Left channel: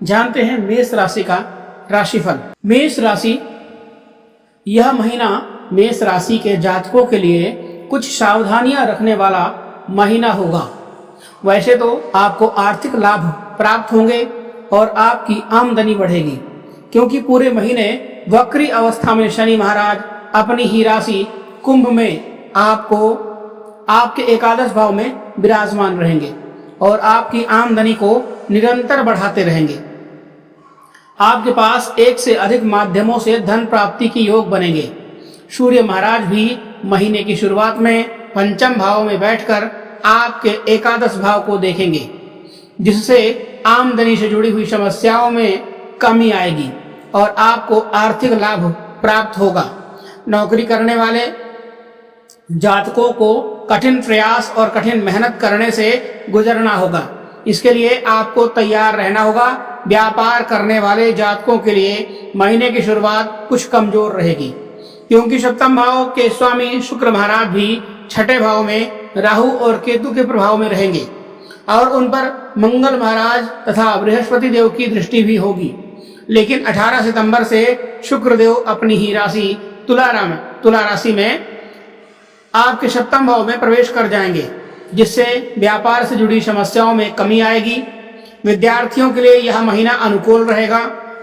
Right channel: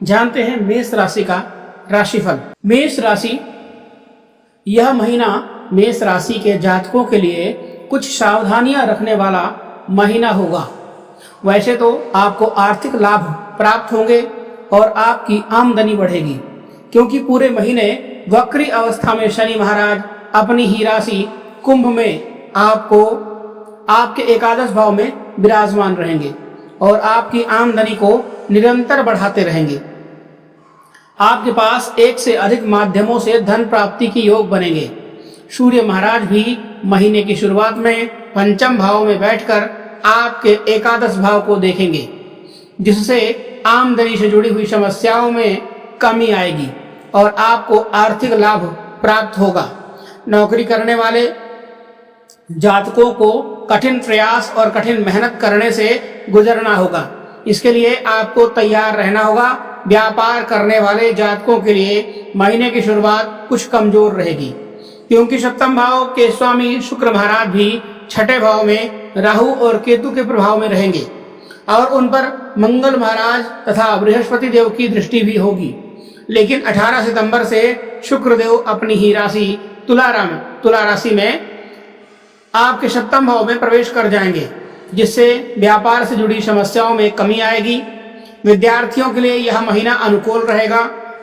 जानते हैं मेष राशि का राशिफल। मेष राशि, यह महीना मेष राशि के जातकों के लिए कुछ सावधानियां रखने वाला महीना होगा। वैसे तो आपको आर्थिक लाभ प्राप्त होंगे और आपकी आमदनी बढ़ेगी, क्योंकि पूरे महीने वक्री अवस्था में शनि महाराज अपनी ही राशि कुंभ में आपके एकादश भाव में विराजमान रहेंगे और आपकी आमदनी को निरंतर बढ़ाते रहेंगे। आपके पास एक से अधिक माध्यमों से धन प्राप्ति की योग बनेंगे। सूर्य महाराज भी महीने की शुरुआत में पंचम भाव में बैठकर आपके एकादश भाव को देखेंगे, जिससे आमदनी से जुड़ी हुई समस्याओं में कमी आएगी और आपको आर्थिक लाभ प्राप्त होगा। नौकरी करने वाले जातकों को कठिन प्रयास और कठिन मेहनत करने से गुजरना होगा। इसके लिए आपको तैयार रहना होगा। व्यापार करने वाले जातकों के लिए महीने की शुरुआत कुछ कमजोर रहेगी, क्योंकि सप्तम भाव के स्वामी शुक्र महाराज भी छठे भाव में राहु और केतु के प्रभाव में रहेंगे और उन पर मंगल महाराज तथा बृहस्पति देव की दृष्टि भी होगी। लेकिन 18 सितंबर से शुक्रदेव अपनी ही राशि तुला राशि में आपके सप्तम भाव में प्रवेश कर जाएंगे, जिससे व्यापार से जुड़ी समस्याओं में कमी आएगी। विद्यार्थियों के लिए यह महीना अनुकूल रहेगा।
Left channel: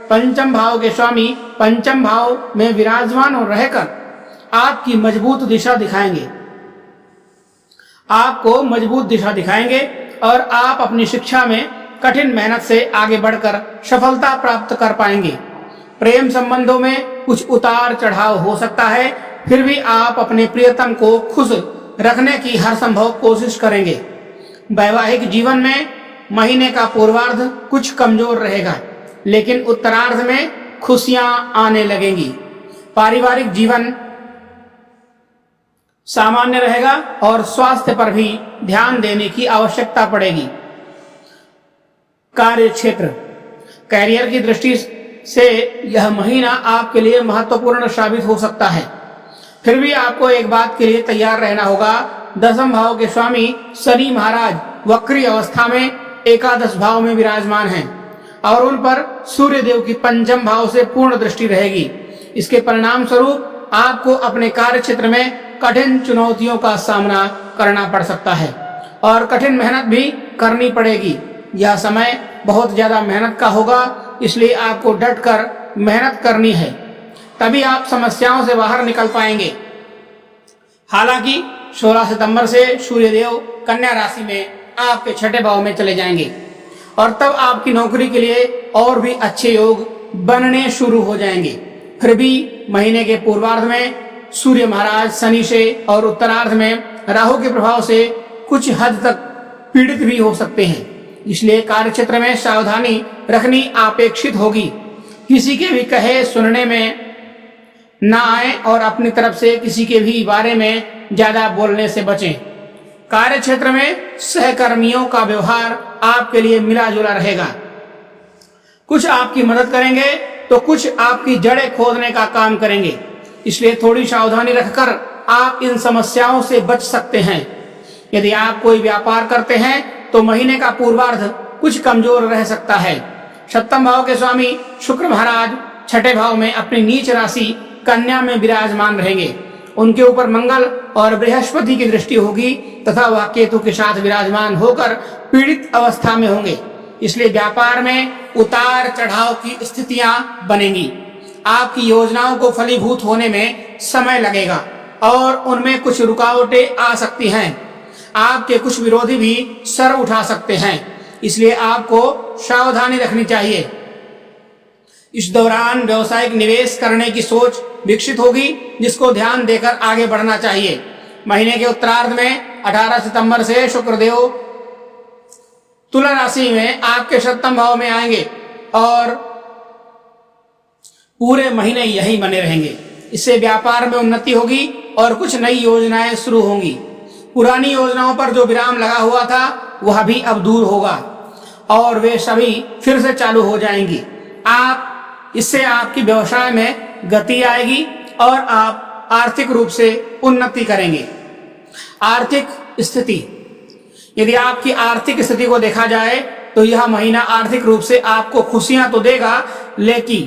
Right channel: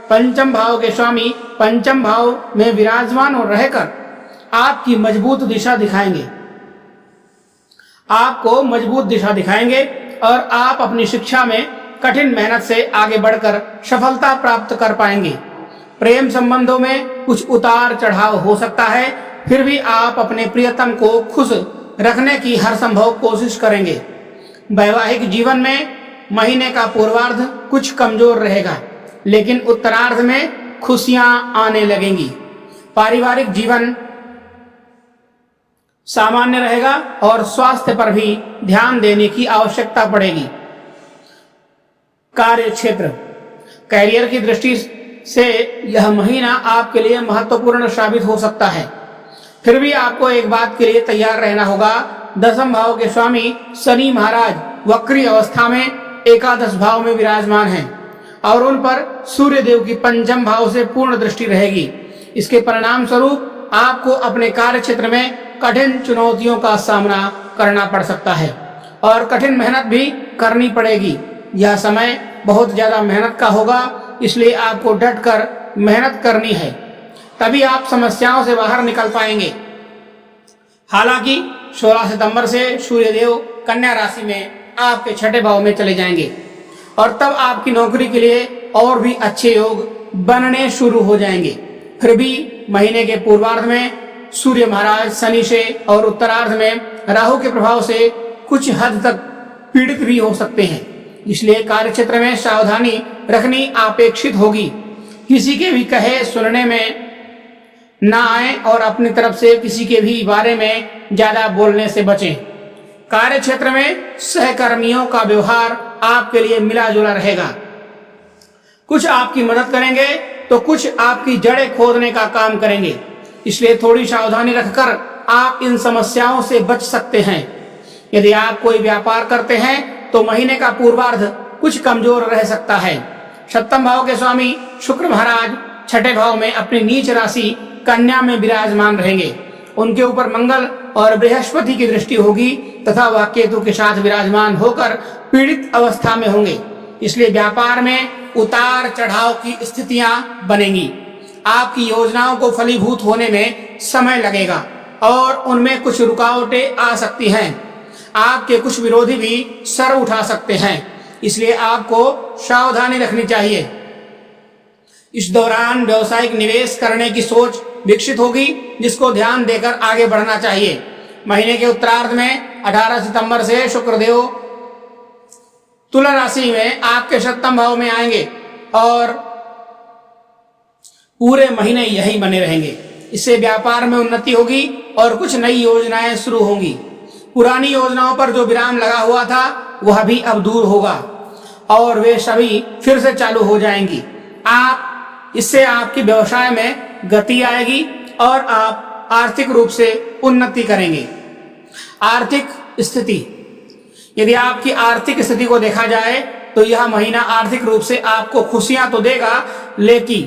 पंचम भाव के स्वामी पंचम भाव में विराजमान और रहकर आपको मजबूत दिशा दिखाएंगे और आप अपनी शिक्षा में कठिन मेहनत से आगे बढ़कर सफलता प्राप्त कर पाएंगे। प्रेम संबंधों में कुछ उतार चढ़ाव हो सकता है, फिर भी आप अपने प्रियतम को खुश रखने की हर संभव कोशिश करेंगे। वैवाहिक जीवन में महीने का पूर्वार्ध कुछ कमजोर रहेगा, लेकिन उत्तरार्ध में खुशियां आने लगेंगी। पारिवारिक जीवन सामान्य रहेगा और स्वास्थ्य पर भी ध्यान देने की आवश्यकता पड़ेगी। कार्य क्षेत्र, कैरियर की दृष्टि से यह महीना आपके लिए महत्वपूर्ण साबित हो सकता है। फिर भी आपको एक बात के लिए तैयार रहना होगा। दसम भाव के स्वामी शनि महाराज वक्री अवस्था में एकादश भाव में विराजमान हैं और उन पर सूर्य देव की पंचम भाव से पूर्ण दृष्टि रहेगी। इसके परिणाम स्वरूप आपको अपने कार्य क्षेत्र में कठिन चुनौतियों का सामना करना पड़ सकता है और कठिन मेहनत भी करनी पड़ेगी। यह समय बहुत ज्यादा मेहनत का होगा, इसलिए आपको डटकर मेहनत करनी है, तभी आप समस्याओं से बाहर निकल पाएंगे। हालांकि 16 सितंबर से सूर्यदेव कन्या राशि में आपके छठे भाव में चले जाएंगे और तब आपकी नौकरी के लिए और भी अच्छे योग बनने शुरू हो जाएंगे। फिर भी महीने के पूर्वार्ध में सूर्य महाराज शनि से और उत्तरार्ध में राहु के प्रभाव से कुछ हद तक पीड़ित भी हो सकते हैं, इसलिए कार्य क्षेत्र में सावधानी रखनी अपेक्षित होगी। किसी के भी कहे सुनने में ना आए और अपनी तरफ से किसी के भी बारे में ज्यादा बोलने से बचें। कार्य क्षेत्र में सहकर्मियों का व्यवहार आपके लिए मिला जुला रहेगा। कुछ आपकी मदद करेंगे तो कुछ आपकी जड़ें खोदने का काम करेंगे, इसलिए थोड़ी सावधानी रखकर आप इन समस्याओं से बच सकते हैं। यदि आप कोई व्यापार करते हैं तो महीने का पूर्वार्ध कुछ कमजोर रह सकता है। सप्तम भाव के स्वामी शुक्र महाराज छठे भाव में अपनी नीच राशि कन्या में विराजमान रहेंगे। उनके ऊपर मंगल और बृहस्पति की दृष्टि होगी तथा वह केतु के साथ विराजमान होकर पीड़ित अवस्था में होंगे, इसलिए व्यापार में उतार चढ़ाव की स्थितियां बनेंगी। आपकी योजनाओं को फलीभूत होने में समय लगेगा और उनमें कुछ रुकावटें आ सकती हैं। आपके कुछ विरोधी भी सर उठा सकते हैं, इसलिए आपको सावधानी रखनी चाहिए। इस दौरान व्यवसायिक निवेश करने की सोच विकसित होगी, जिसको ध्यान देकर आगे बढ़ना चाहिए। महीने के उत्तरार्ध में 18 सितंबर से शुक्रदेव तुला राशि में आपके सप्तम भाव में आएंगे और पूरे महीने यही बने रहेंगे। इससे व्यापार में उन्नति होगी और कुछ नई योजनाएं शुरू होंगी। पुरानी योजनाओं पर जो विराम लगा हुआ था वह भी अब दूर होगा और वे सभी फिर से चालू हो जाएंगी। इससे आपकी व्यवसाय में गति आएगी और आप आर्थिक रूप से उन्नति करेंगे। आर्थिक स्थिति, यदि आपकी आर्थिक स्थिति को देखा जाए तो यह महीना आर्थिक रूप से आपको खुशियां तो देगा, लेकिन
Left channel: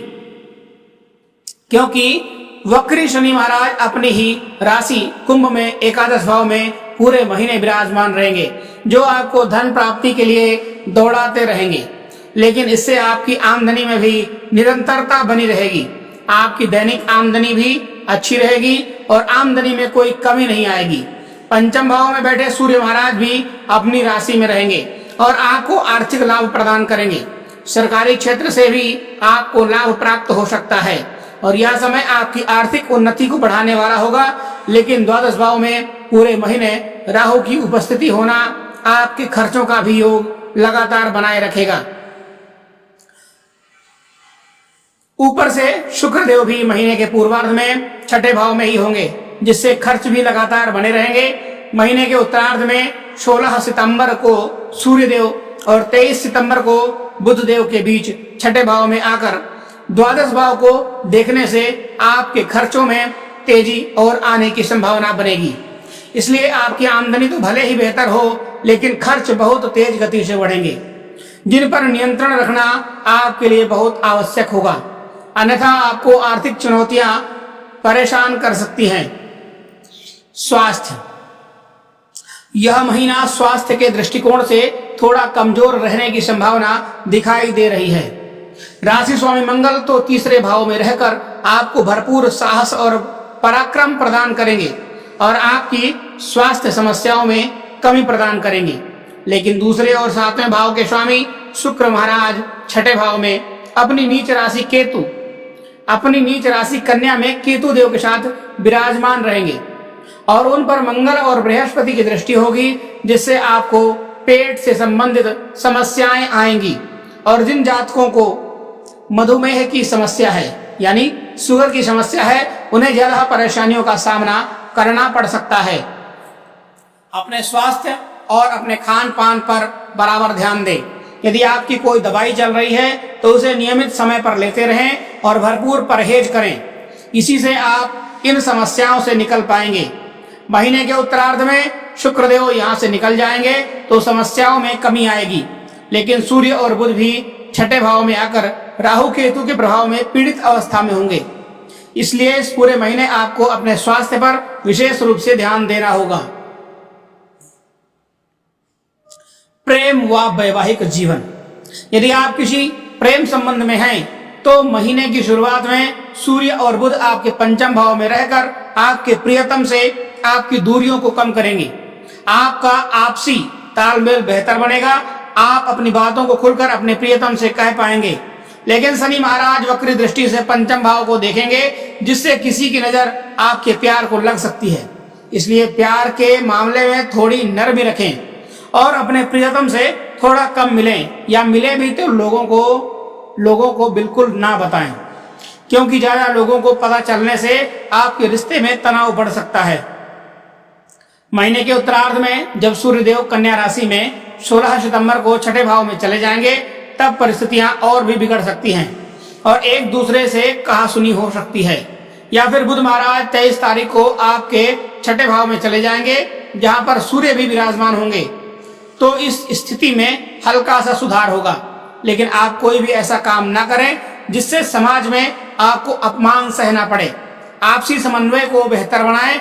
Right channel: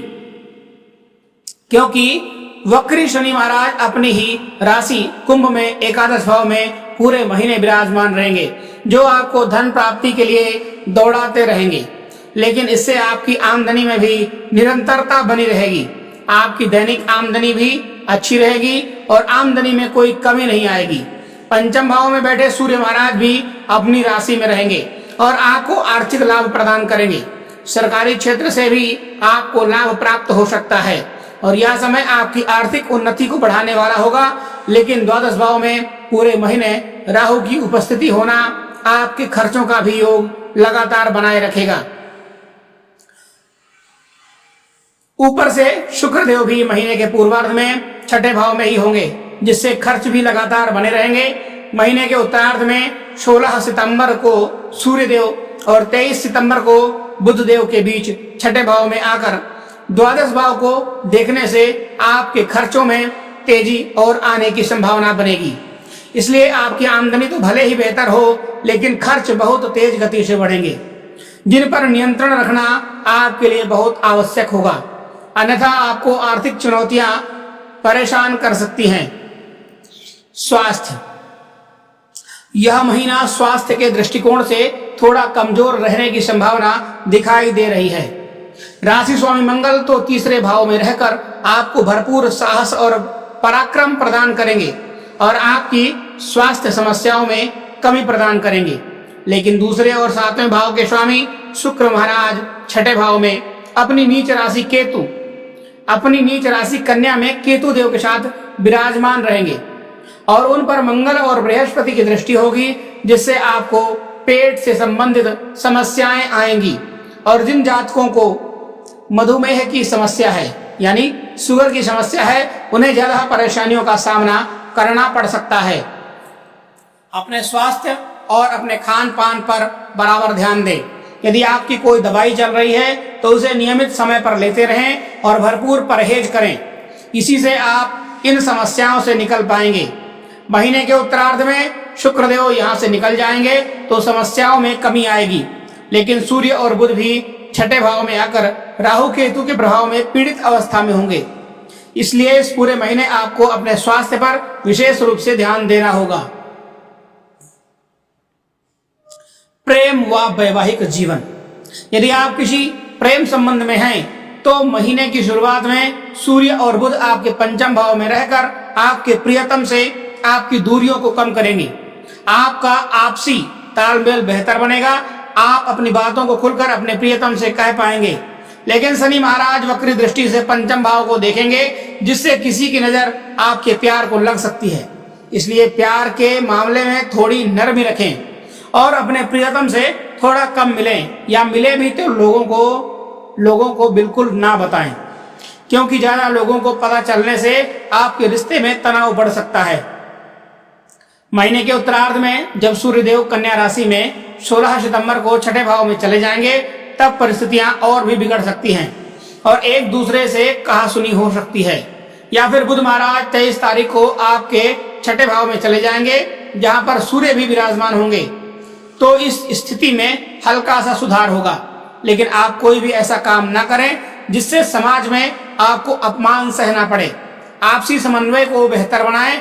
क्योंकि वक्री शनि महाराज अपनी ही राशि कुंभ में एकादश भाव में पूरे महीने विराजमान रहेंगे, जो आपको धन प्राप्ति के लिए दौड़ाते रहेंगे। लेकिन इससे आपकी आमदनी में भी निरंतरता बनी रहेगी। आपकी दैनिक आमदनी भी अच्छी रहेगी और आमदनी में कोई कमी नहीं आएगी। पंचम भाव में बैठे सूर्य महाराज भी अपनी राशि में रहेंगे और आपको आर्थिक लाभ प्रदान करेंगे। सरकारी क्षेत्र से भी आपको लाभ प्राप्त हो सकता है और यह समय आपकी आर्थिक उन्नति को बढ़ाने वाला होगा। लेकिन द्वादश भाव में पूरे महीने राहु की उपस्थिति होना आपके खर्चों का भी योग लगातार बनाए रखेगा। ऊपर से शुक्रदेव भी महीने के पूर्वार्ध में छठे भाव में ही होंगे, जिससे खर्च भी लगातार बने रहेंगे। महीने के उत्तरार्ध में 16 सितंबर को सूर्यदेव और 23 सितंबर को बुधदेव के बीच छठे भाव में आकर द्वादश भाव को देखने से आपके खर्चों में तेजी और आने की संभावना बनेगी। इसलिए आपकी आमदनी तो भले ही बेहतर हो, लेकिन खर्च बहुत तेज गति से बढ़ेंगे, जिन पर नियंत्रण रखना आपके लिए बहुत आवश्यक होगा, अन्यथा आपको आर्थिक चुनौतियां परेशान कर सकती हैं। स्वास्थ्य, यह महीना स्वास्थ्य के दृष्टिकोण से थोड़ा कमजोर रहने की संभावना दिखाई दे रही है। राशि स्वामी मंगल तो तीसरे भाव में रहकर आपको भरपूर साहस और पराक्रम प्रदान करेंगे और आपकी स्वास्थ्य समस्याओं में कमी प्रदान करेंगे। लेकिन दूसरे और सातवें भाव के स्वामी शुक्र महाराज छठे भाव में अपनी नीच राशि कन्या में केतु देव के साथ विराजमान रहेंगे और उन पर मंगल और बृहस्पति की दृष्टि होगी, जिससे आपको पेट से संबंधित समस्याएं आएंगी। और जिन जातकों को मधुमेह की समस्या है, यानी शुगर की समस्या है, उन्हें ज्यादा परेशानियों का सामना करना पड़ सकता है। अपने स्वास्थ्य और अपने खान पान पर बराबर ध्यान दें। यदि आपकी कोई दवाई चल रही है तो उसे नियमित समय पर लेते रहें और भरपूर परहेज करें। इसी से आप इन समस्याओं से निकल पाएंगे। महीने के उत्तरार्ध में शुक्रदेव यहाँ से निकल जाएंगे तो समस्याओं में कमी आएगी। लेकिन सूर्य और बुध भी छठे भाव में आकर राहु केतु के प्रभाव में पीड़ित अवस्था में होंगे। इसलिए इस पूरे महीने आपको अपने स्वास्थ्य पर विशेष रूप से ध्यान देना होगा। प्रेम व वैवाहिक जीवन, यदि आप किसी प्रेम संबंध में हैं तो महीने की शुरुआत में सूर्य और बुध आपके पंचम भाव में रहकर आपके प्रियतम से आपकी दूरियों को कम करेंगे। आपका आपसी तालमेल बेहतर बनेगा। आप अपनी बातों को खुलकर अपने प्रियतम से कह पाएंगे। लेकिन शनि महाराज वक्री दृष्टि से पंचम भाव को देखेंगे, जिससे किसी की नजर आपके प्यार को लग सकती है। इसलिए प्यार के मामले में थोड़ी नरमी रखें और अपने प्रियतम से थोड़ा कम मिलें, या मिले भी तो लोगों को बिल्कुल ना बताएं, क्योंकि ज्यादा लोगों को पता चलने से आपके रिश्ते में तनाव बढ़ सकता है। महीने के उत्तरार्ध में जब सूर्यदेव कन्या राशि में 16 सितंबर को छठे भाव में चले जाएंगे, तब परिस्थितियां और भी बिगड़ सकती हैं और एक दूसरे से कहासुनी हो सकती है। या फिर बुध महाराज 23 तारीख को आपके छठे भाव में चले जाएंगे, जहां पर सूर्य भी विराजमान होंगे। तो इस स्थिति में हल्का सा सुधार होगा। लेकिन आप कोई भी ऐसा काम ना करें जिससे समाज में आपको अपमान सहना पड़े। आपसी समन्वय को बेहतर बनाएं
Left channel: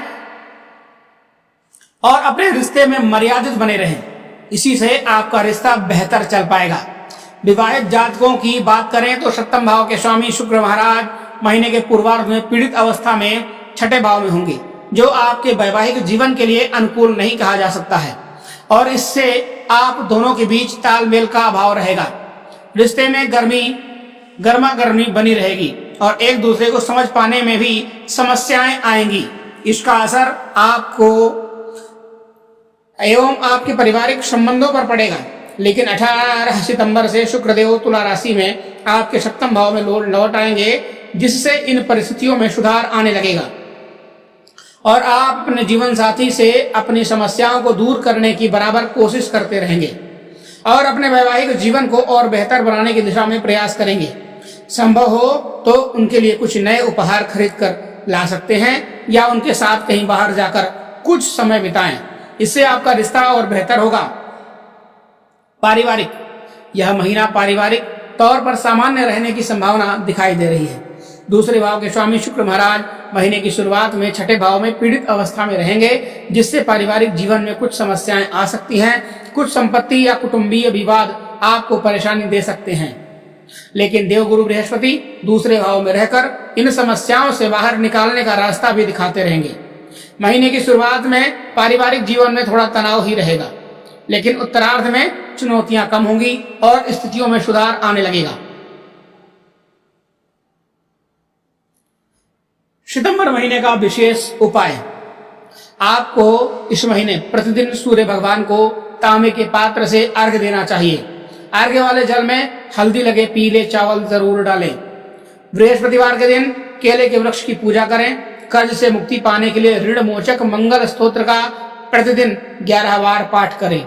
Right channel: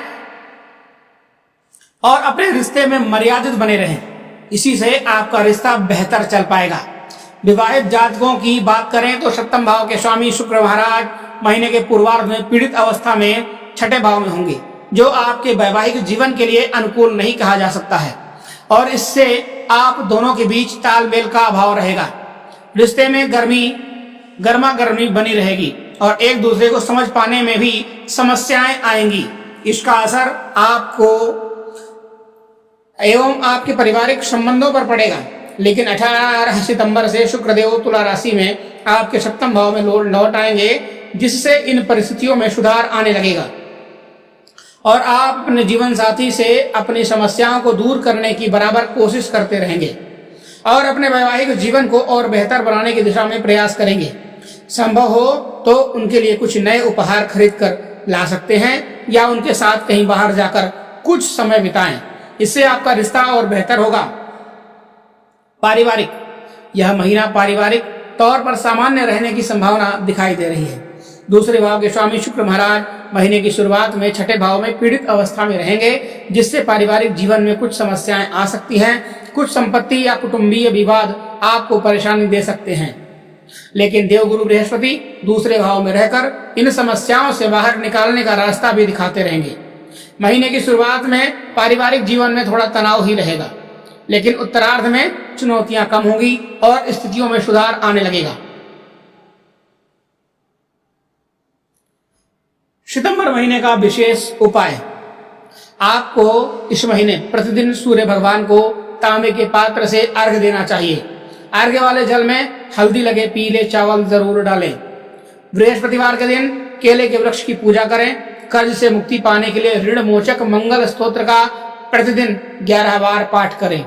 और अपने रिश्ते में मर्यादित बने रहें। इसी से आपका रिश्ता बेहतर चल पाएगा। विवाहित जातकों की बात करें तो सप्तम भाव के स्वामी शुक्र महाराज महीने के पूर्वार्ध में पीड़ित अवस्था में छठे भाव में होंगे, जो आपके वैवाहिक जीवन के लिए अनुकूल नहीं कहा जा सकता है और इससे आप दोनों के बीच तालमेल का अभाव रहेगा। रिश्ते में गर्मा गर्मी बनी रहेगी और एक दूसरे को समझ पाने में भी समस्याएं आएंगी। इसका असर आपको एवं आपके पारिवारिक संबंधों पर पड़ेगा। लेकिन 18 सितंबर से शुक्रदेव तुला राशि में आपके सप्तम भाव में लौट आएंगे, जिससे इन परिस्थितियों में सुधार आने लगेगा और आप अपने जीवन साथी से अपनी समस्याओं को दूर करने की बराबर कोशिश करते रहेंगे और अपने वैवाहिक जीवन को और बेहतर बनाने की दिशा में प्रयास करेंगे। संभव हो तो उनके लिए कुछ नए उपहार खरीद कर ला सकते हैं या उनके साथ कहीं बाहर जाकर कुछ समय बिताएं। इससे आपका रिश्ता और बेहतर होगा। पारिवारिक, यह महीना पारिवारिक तौर पर सामान्य रहने की संभावना दिखाई दे रही है। दूसरे भाव के स्वामी शुक्र महाराज महीने की शुरुआत में छठे भाव में पीड़ित अवस्था में रहेंगे, जिससे पारिवारिक जीवन में कुछ समस्याएं आ सकती हैं। कुछ संपत्ति या कुटुंबीय विवाद आपको परेशानी दे सकते हैं, लेकिन देवगुरु बृहस्पति दूसरे भाव में रहकर इन समस्याओं से बाहर निकालने का रास्ता भी दिखाते रहेंगे। महीने की शुरुआत में पारिवारिक जीवन में थोड़ा तनाव ही रहेगा, लेकिन उत्तरार्ध में चुनौतियां कम होंगी और स्थितियों में सुधार आने लगेगा। सितंबर महीने का विशेष उपाय। आपको इस महीने प्रतिदिन सूर्य भगवान को तांबे के पात्र से अर्घ्य देना चाहिए। अर्घ्य वाले जल में हल्दी लगे पीले चावल जरूर डालें। बृहस्पतिवार के दिन केले के वृक्ष की पूजा करें। कर्ज से मुक्ति पाने के लिए ऋण मोचक मंगल स्तोत्र का प्रतिदिन 11 बार पाठ करें।